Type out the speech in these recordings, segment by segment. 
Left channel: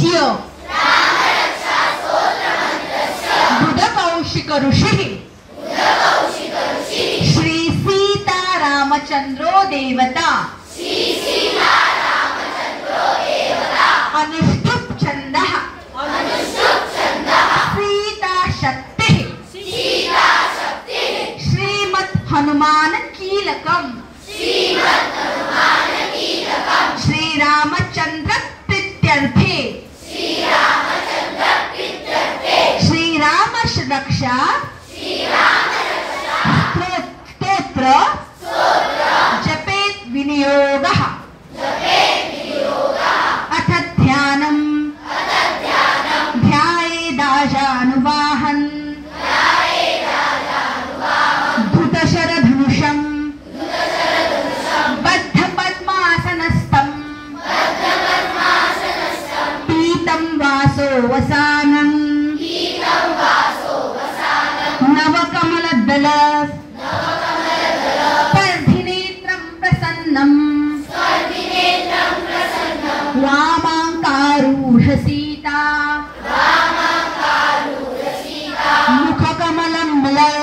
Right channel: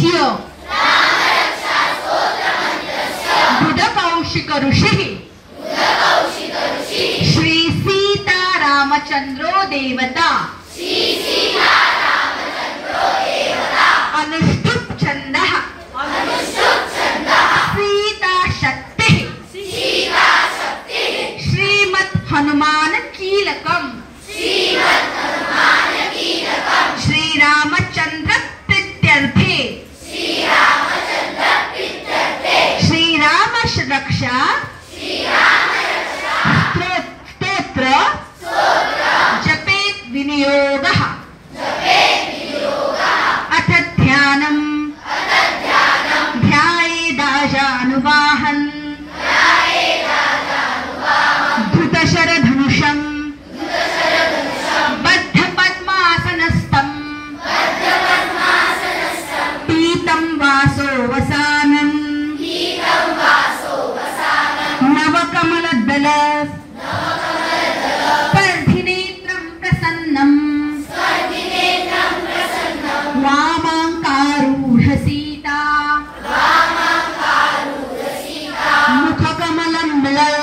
मन्त्रस्य बुधकौशिक ऋषिः श्री सीतारामचन्द्रो देवता अनुष्टुप् छन्दः सीताशक्तिः श्रीमत् हनुमान कीलकम् श्रीरामचन्द्र प्रीत्यर्थे श्रीराम रक्षा स्तोत्र जपेत् विनियोगः अथ ध्यानम् ध्यायेदाजानुवाहन् धृतशरधनुषम् बद्धपद्मासनस्थम् पीतं वासोवसानम् नवकमलदल स्पर्धिनेत्रं प्रसन्नम् वामाङ्कारूढ सीता मुखकमलं मिलल.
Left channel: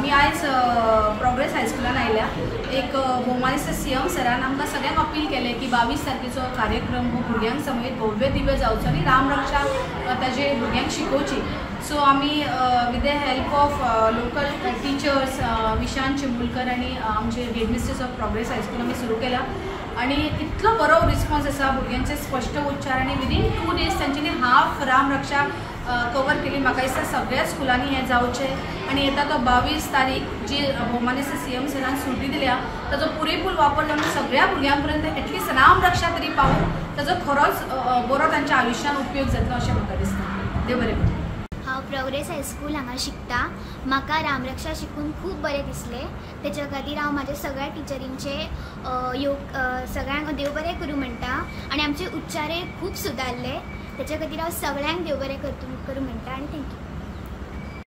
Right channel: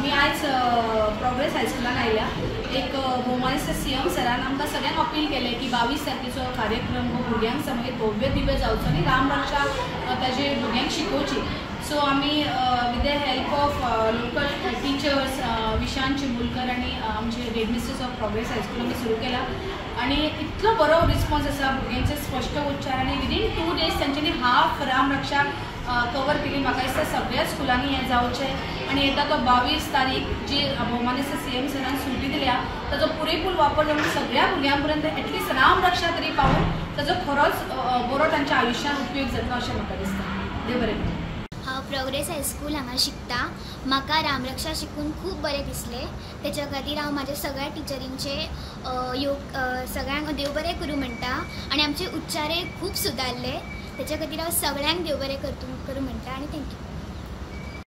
मी आज प्रोग्रेस हायस्कुलान आयल्या. एक भौमानिस्त सीएम सरान आमकां सगळ्यांक अपील केलें की 22 तारखेचो कार्यक्रम हो भुरग्यांक समेत भव्य दिव्य जावचो आनी रामरक्षा ताजे भुरग्यांक शिकोवची. सो आमी with the help of local teachers Vishant Chimulkar आनी आमचे हेडमिस्ट्रेस ऑफ प्रोग्रेस हायस्कूल आमी सुरू केला. आणि इतलो बरो रिस्पॉन्स आसा भुरग्यांचे स्पश्ट उच्चार आनी विदीन 2 days तांच्यांनी हाफ रामरक्षा कवर केली. म्हाका दिसता सगळ्या स्कुलांनी हें जावचें आनी येता तो 22 तारीख जी भौमानिस्त सीएम सरान सुटी दिल्या ताजो पुरेपूर वापर जावन सगळ्या भुरग्यां पर्यंत एटलिस्ट रामरक्षा तरी पावून ताजो खरोच बरो तांच्या आयुश्यान उपयोग जातलो अशें म्हाका दिसता. देव बरें करूं. हांव प्रोग्रेस हायस्कूल हांगा शिकता. म्हाका रामरक्षा शिकून खूब बरें दिसलें. तेच्या खातीर हांव म्हाज्या सगळ्या टिचरींचे सगळ्यांक देव बरें करूं म्हणटा आनी आमचे उच्चारय खूब सुदारले. तेच्या खातीर हांव सगळ्यांक देव बरें करूं म्हणटा आनी थँक्यू.